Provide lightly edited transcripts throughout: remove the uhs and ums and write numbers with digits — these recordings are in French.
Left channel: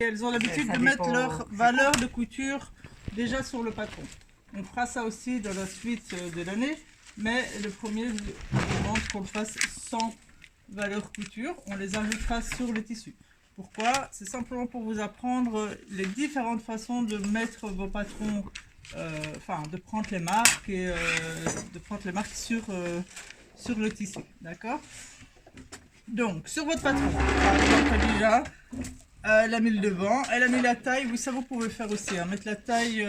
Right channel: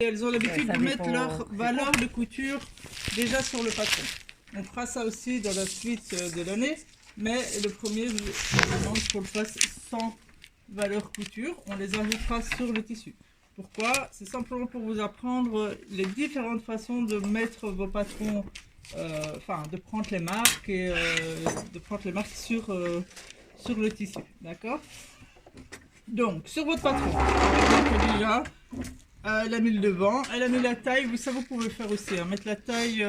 Et elles ont l'habitude de mettre leur valeur de couture déjà sur le patron. On fera ça aussi dans la suite de l'année, mais le premier, je demande qu'on le fasse sans valeur couture. On les ajoutera sur le tissu. Pourquoi? C'est simplement pour vous apprendre les différentes façons de mettre vos patrons, de prendre les marques et de prendre les marques sur le tissu. D'accord? Donc, sur votre patron, par exemple, déjà, elle a mis le devant, elle a mis la taille, ça vous pouvez faire aussi, hein, mettre la taille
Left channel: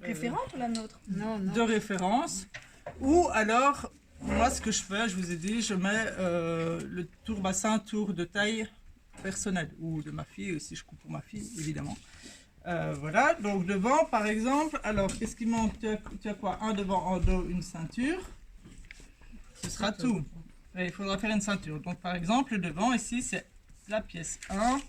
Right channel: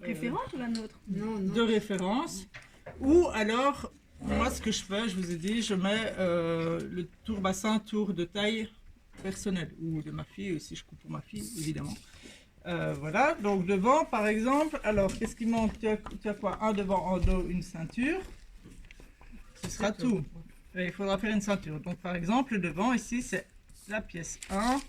référente ou la nôtre? Non. De référence, ou alors, moi ce que je fais, je vous ai dit, je mets le tour bassin, tour de taille personnelle, ou de ma fille, si je coupe pour ma fille, évidemment. Voilà, donc devant par exemple, alors qu'est-ce qui manque? Tu as quoi? Un devant, en dos, une ceinture, ce sera tout. Et il faudra faire une ceinture. Donc par exemple, le devant ici, c'est la pièce 1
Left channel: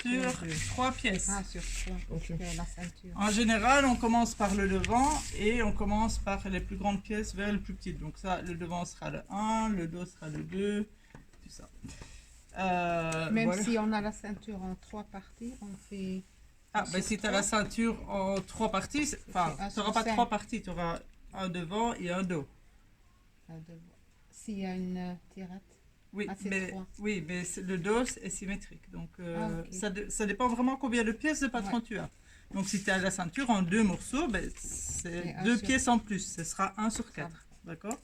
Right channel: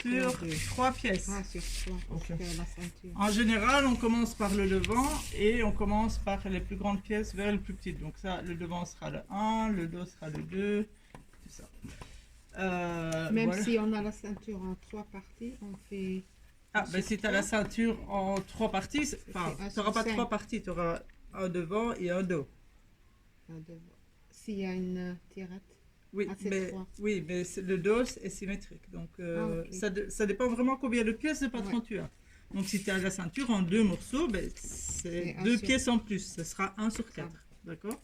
sur 3 pièces. Ah, sur 3, Ok. la ceinture. En général, on commence par le devant et on commence par les plus grandes pièces vers les plus petites. Donc ça, le devant sera le 1, le dos sera le 2, tout ça. Même voilà. si on a la ceinture en 3 parties, on fait... Ah, ben si tu as la ceinture en 3 parties, tu n'auras pas 3 parties, tu auras un devant et un dos. S'il y a une tirette. Oui, Ah, c'est mais, 3. oui, mais le dos est symétrique. Donc ok. ça dépend vraiment combien de pièces de patron tu as. Donc si tu as la ceinture en 2 morceaux, ben, c'est 2 pièces en plus. Ce sera 1 sur 4. D'accord?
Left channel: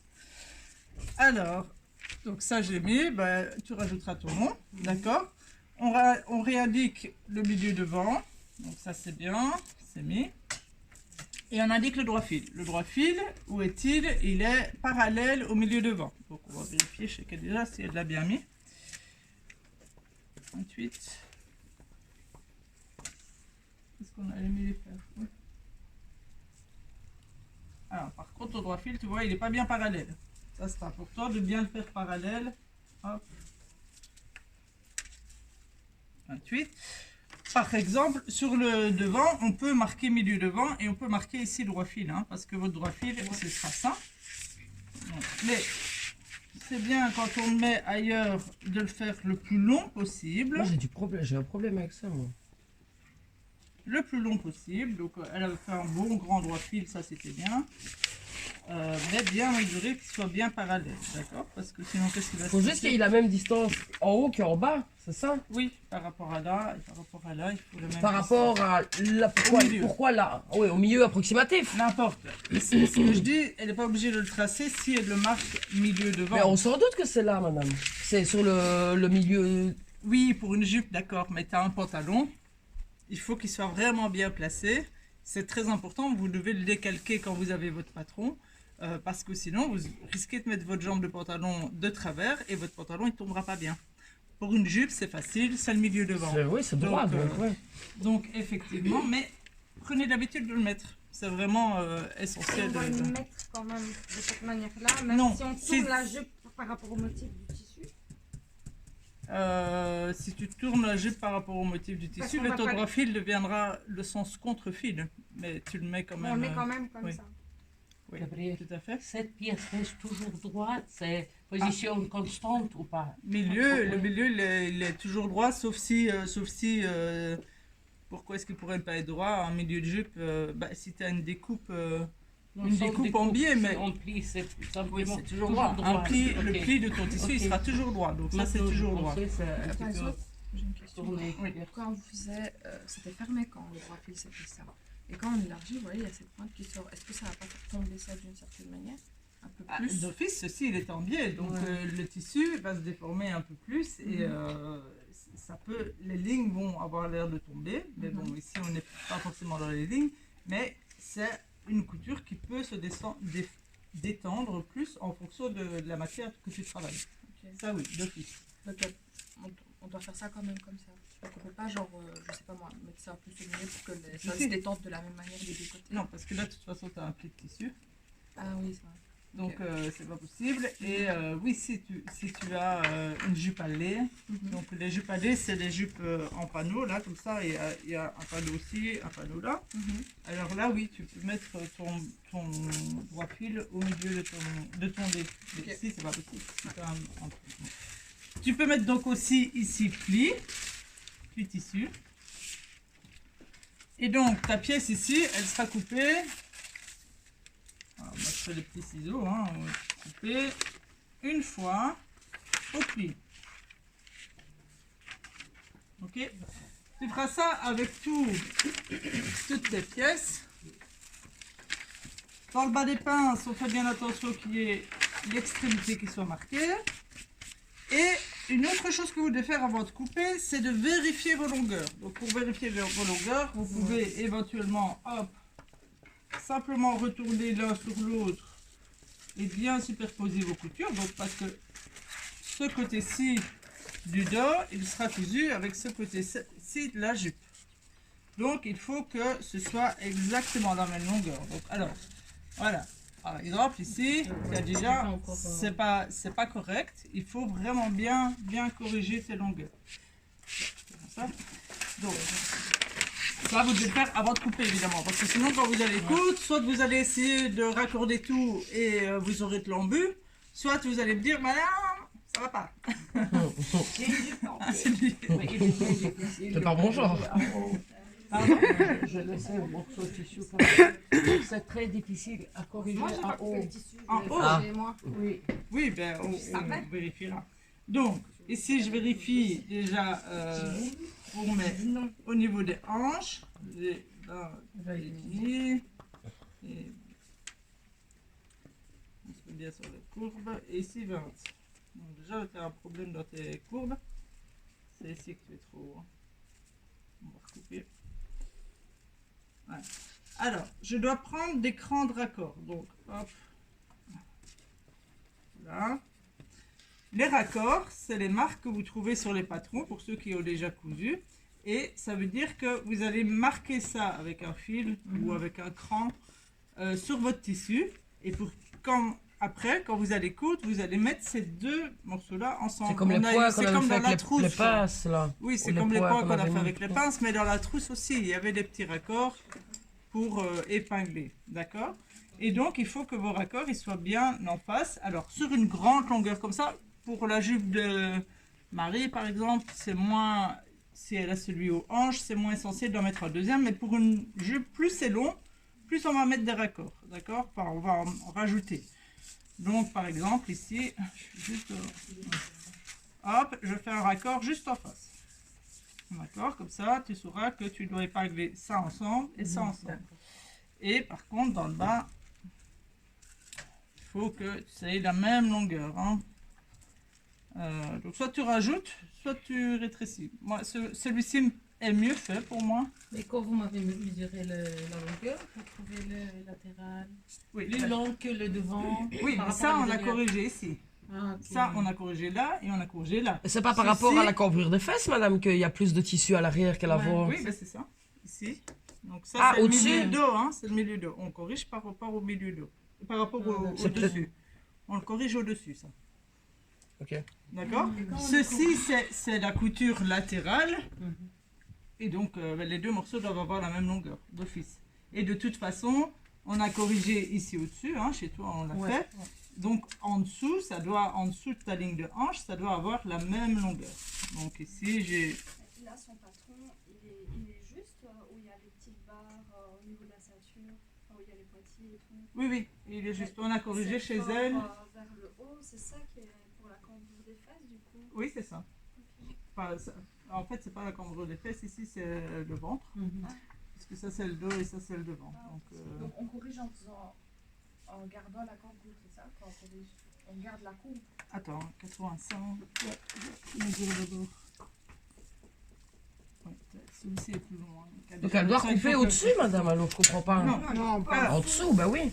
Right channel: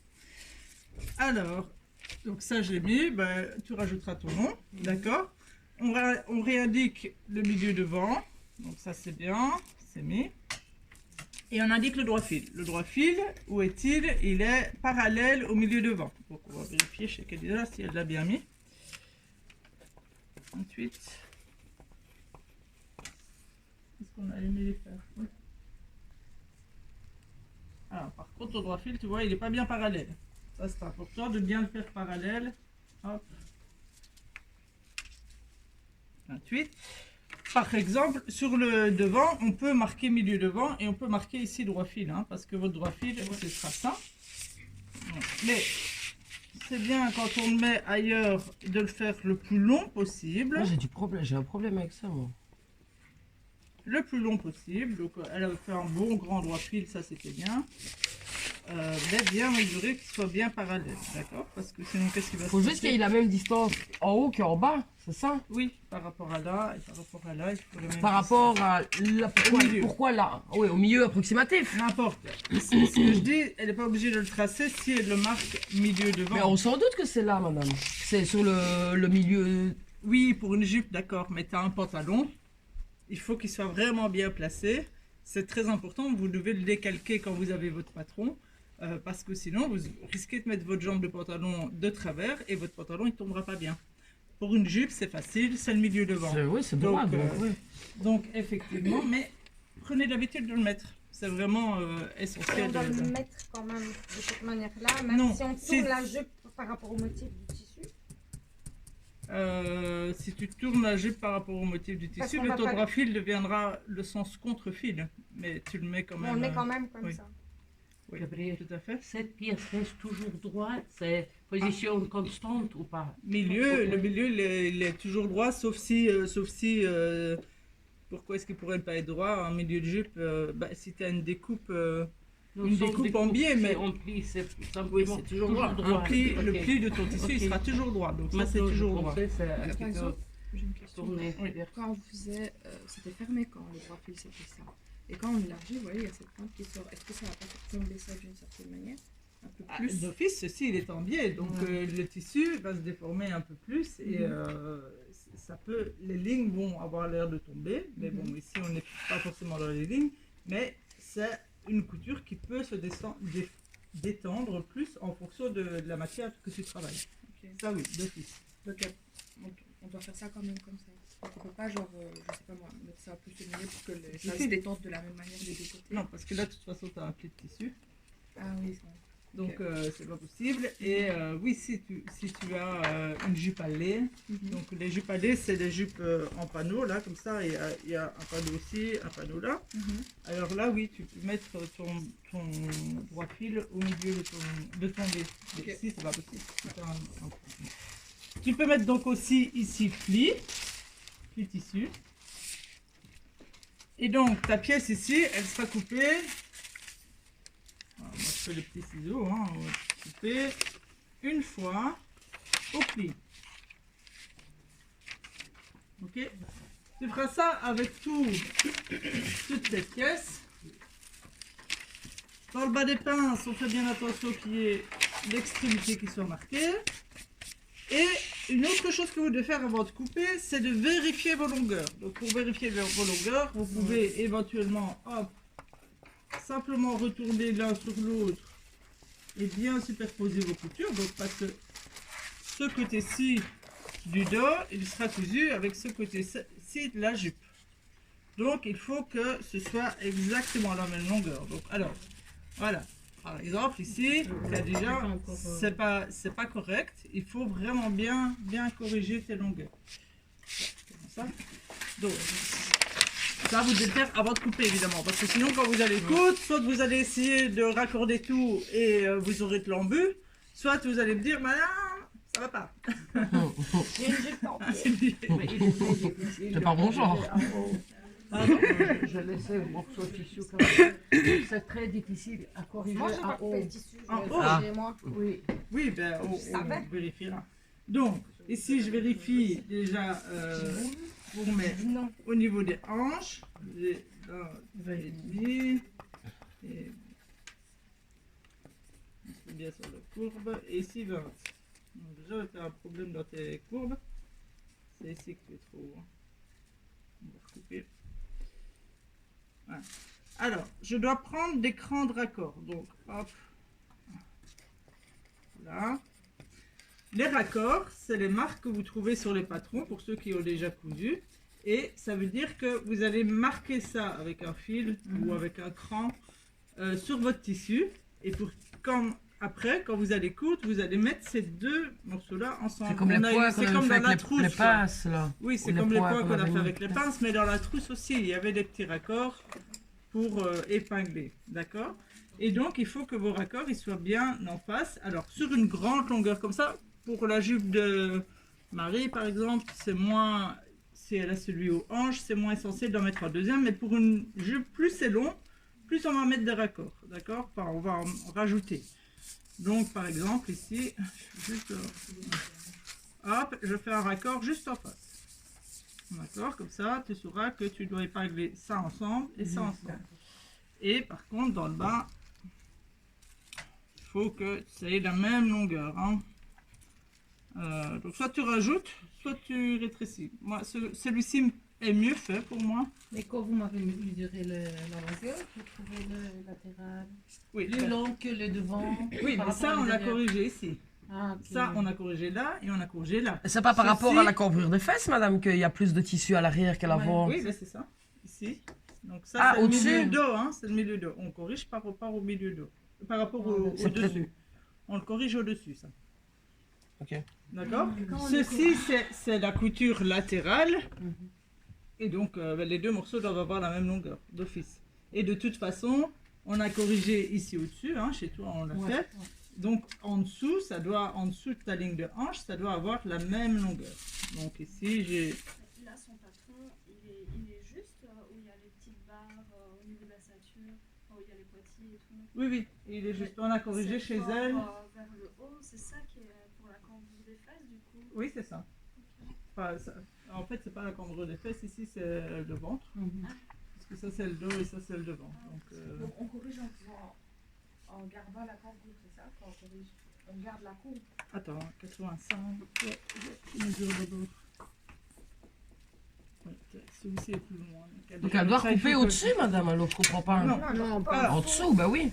Alors, donc ça j'ai mis, ben, tu rajouteras ton nom. D'accord? On réindique le milieu devant. Donc ça c'est bien, c'est mis. Et on indique le droit fil. Le droit fil, où est-il? Il est parallèle au milieu devant. Donc on va vérifier chez Kelvina si elle l'a bien mis. 28. Est-ce qu'on a aimé les faire? Oui. Ah, par contre, au droit fil, tu vois, il n'est pas bien parallèle. Ça sera pour toi de bien le faire parallèle. Hop. 28. Par exemple, sur le devant, on peut marquer milieu devant et on peut marquer ici droit fil, hein, parce que votre droit fil, ce sera ça. Mais c'est bien quand on le met ailleurs de le faire le plus long possible. Moi j'ai un problème avec ça, moi. Le plus long possible. Donc elle a fait un bon grand droit fil, ça c'était bien. Mais bien mesurer qu'il soit bien parallèle, d'accord? Parce que sinon qu'est-ce qui va se passer? Faut juste qu'il y ait la même distance en haut qu'en bas, c'est ça? Oui, par rapport à là et par rapport à là, il faut le même. Par rapport à là, pourquoi là? Oui, au milieu approximatif. N'importe. Ce que je dis, elle n'est pas obligée de le tracer si elle le marque milieu devant. Mais on s'en doute que c'est là, madame. C'est sur le milieu. Oui, pour une jupe, d'accord, mais tu as un pantalon, il faut qu'il soit vraiment bien placé. C'est très important, vous devez le décalquer quand vous avez votre patron, parce que sinon vous risquez de mettre votre jambe de pantalon de travers et votre pantalon il ne tombera pas bien. Pour une jupe, c'est facile, c'est le milieu devant. Oui, c'est droit. Donc effectivement, mais prenez l'habitude de le mettre. C'est vraiment essentiel. On doit le mettre quand même de cette manière-là, même Non, si on tourne la jupe par rapport au motif du tissu. Si tu tournes la jupe par rapport au motif du tissu, le ton droit fil deviendra le sens contre-fil, mais tu le mets quand même. On le met quand même comme oui. ça. Oui, Gabriel, tout à fait. cette pièce reste toujours droite, c'est position constante ou pas? Le milieu il est toujours droit, sauf si pourquoi est-ce qu'il pourrait pas être droit en milieu de jupe? Si tu as une découpe en biais, mais en pli, c'est oui, c'est toujours droit. Le pli de ton tissu, il sera toujours droit, donc ça c'est toujours droit. Par exemple, j'ai une question. Tourner. Quand on faisait, c'était fermé quand le droit fil c'était ça. Et quand on élargit, vous voyez, il y a cette pointe qui sort. Est-ce que ça va pas faire tomber ça d'une certaine manière? Un peu plus? D'office, ceci il est en biais, donc le tissu va se déformer un peu plus et ça peut, les lignes vont avoir l'air de tomber, mais bon, ici on n'est pas forcément dans les lignes, mais c'est une couture qui peut se détendre plus en fonction de la matière que tu travailles. Okay. Ça oui, d'office. Donc on doit faire ça quand même comme ça. Donc on peut pas genre, je sais pas moi, mettre ça plus au milieu pour que ça se détende de la même manière des deux côtés. Non, parce que là de toute façon tu as un pli de tissu. Ah oui, c'est vrai. Donc c'est pas possible. Et oui, si tu as une jupe à lait, donc les jupes à lait c'est des jupes en panneau, là comme ça, et il y a un panneau aussi, un panneau là. Alors là oui, tu peux mettre ton droit fil au milieu de ton lait. Mais ici c'est pas possible. Tu peux mettre donc aussi ici pli tissu. Et donc ta pièce ici, elle sera coupée. Alors, moi je fais les petits ciseaux, hein, on va couper une fois au pli. Ok. Tu feras ça avec toutes les pièces. Dans le bas des pinces, on fait bien attention qu'il y ait l'extrémité qui soit marquée. Et une autre chose que vous devez faire avant de couper, c'est de vérifier vos longueurs. Donc pour vérifier vos longueurs, vous pouvez éventuellement simplement retourner l'un sur l'autre et bien superposer vos coutures. Donc parce que ce côté-ci du dos, il sera cousu avec ce côté-ci de la jupe. Donc il faut que ce soit exactement la même longueur. Donc alors, voilà. Par exemple ici, déjà, c'est pas correct. Il faut vraiment bien corriger tes longueurs. Comme ça. Donc, ça vous devez le faire avant de couper évidemment, parce que sinon quand vous allez coudre, soit vous allez essayer de raccorder tout et vous aurez de l'embu, soit vous allez me dire, madame, ça va pas. C'est pas mon genre. Je laissais le morceau de tissu comme ça. C'est très difficile à corriger Moi, j'ai pas en coupé haut. le tissu, je En l'ai haut. fait chez moi. Oui. Oui, ben on vérifiera. Donc, ici je vérifie déjà pour mettre au niveau des hanches. J'ai là, et on se met bien sur la courbe. Et ici 20. Donc déjà, tu as un problème dans tes courbes. C'est ici que tu es trop. On va recouper. Voilà. Alors, je dois prendre des crans de raccord. Donc, hop. Voilà. Les raccords, c'est les marques que vous trouvez sur les patrons pour ceux qui ont déjà cousu. Et ça veut dire que vous allez marquer ça avec un fil ou avec un cran sur votre tissu. Et après, quand vous allez coudre, vous allez mettre ces deux morceaux-là ensemble. C'est comme les points qu'on avait fait avec les pinces là. Oui, c'est comme les points qu'on a fait avec les pinces, mais dans la trousse aussi, il y avait des petits raccords pour épingler. D'accord? Et donc, il faut que vos raccords ils soient bien en face. Alors, sur une grande longueur comme ça, pour la jupe de Marie, par exemple, c'est moins... Si elle a celui aux hanches, c'est moins essentiel d'en mettre un deuxième. Mais pour une jupe, plus c'est long, plus on va mettre des raccords. D'accord? Enfin, on va en rajouter. Donc, par exemple, ici, juste... hop, je fais un raccord juste en face. D'accord? Comme ça, tu sauras que tu dois épingler ça ensemble et ça ensemble. Et par contre, dans le bas, il faut que ça ait la même longueur. Hein. Donc, soit tu rajoutes, soit tu rétrécis. Moi, celui-ci est mieux fait pour moi. Mais quand vous m'avez mesuré la longueur, vous trouvez le latéral Oui, plus long que le devant. oui, par mais ça, rapport on à l'a derrière. corrigé ici. Ah, ok. Ça, on a corrigé là et on a corrigé là. C'est pas par rapport à la cambrure des fesses, madame, qu'il y a plus de tissu à l'arrière qu'à l'avant. Oui, ben c'est ça. Ici. Donc ça, Ah, c'est le au-dessus. milieu dos, hein. C'est le milieu dos. On corrige par rapport au milieu dos. Par rapport au C'est peut-être- dessus. On le corrige au-dessus, ça. Ok. D'accord? Ceci, c'est la couture latérale. Mhm. Et donc, les deux morceaux doivent avoir la même longueur d'office. Et de toute façon, on a corrigé ici au-dessus. Hein, chez toi, on l'a Ouais. fait. Donc, en dessous, en dessous de ta ligne de hanche, ça doit avoir la même longueur. Donc ici, j'ai... Là, son patron, il est juste où il y a les petites barres au niveau de la ceinture, où il y a les poitilles et tout. Oui, oui, il est juste... On a corrigé C'est chez fort, elle. vers le haut, c'est ça qui est pour la cambrure des fesses, du coup. Oui, c'est ça. Enfin, en fait, c'est pas la cambrure des fesses, ici, c'est le ventre. Mhm. Parce que ça, c'est le dos et ça, c'est le devant. Donc, Donc on corrige en gardant la cambrure, c'est ça? Enfin, on garde la courbe. attends, 85. Je mesure d'abord. Ouais, celui-ci est plus loin. Donc elle doit Ça, il couper faut que- au-dessus, madame, alors je comprends pas. Non, Non, pas. En dessous, bah oui.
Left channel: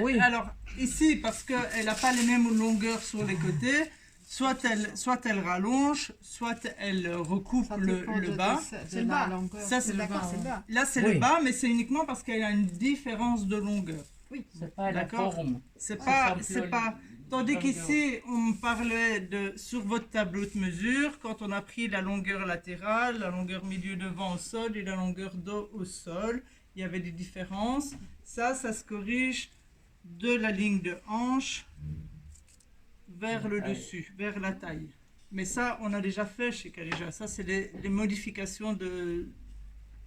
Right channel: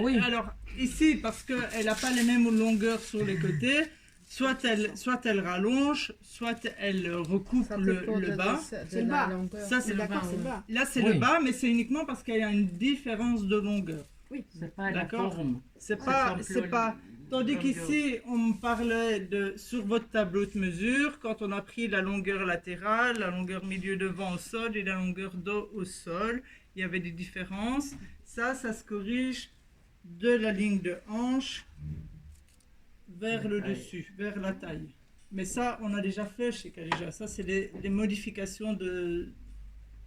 Oui. Alors, ici, parce qu'elle n'a pas les mêmes longueurs sur les côtés, soit elle rallonge, soit elle recoupe ça le dépend de bas. de la longueur. Ça, c'est le D'accord, bas. c'est le bas. Là, c'est Oui. le bas, mais c'est uniquement parce qu'il y a une différence de longueur. C'est pas la D'accord. forme. C'est pas, C'est c'est pas. Tandis comme qu'ici, on me parlait sur votre tableau de mesure, quand on a pris la longueur latérale, la longueur milieu devant au sol et la longueur dos au sol, il y avait des différences. Ça se corrige de la ligne de hanche vers le dessus, vers la taille. Mais ça, on a déjà fait chez Kalija. Ça, c'est les modifications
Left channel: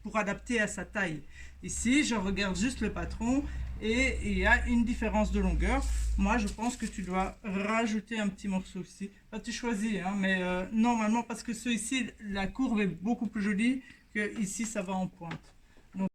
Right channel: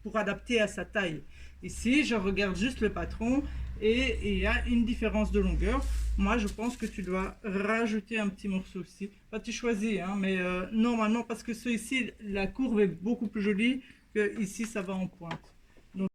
pour adapter à sa taille. Ici, je regarde juste le patron et il y a une différence de longueur. Moi, je pense que tu dois rajouter un petit morceau ici. Enfin, tu choisis, hein, mais normalement, parce que ici, la courbe est beaucoup plus jolie que ici, ça va en pointe.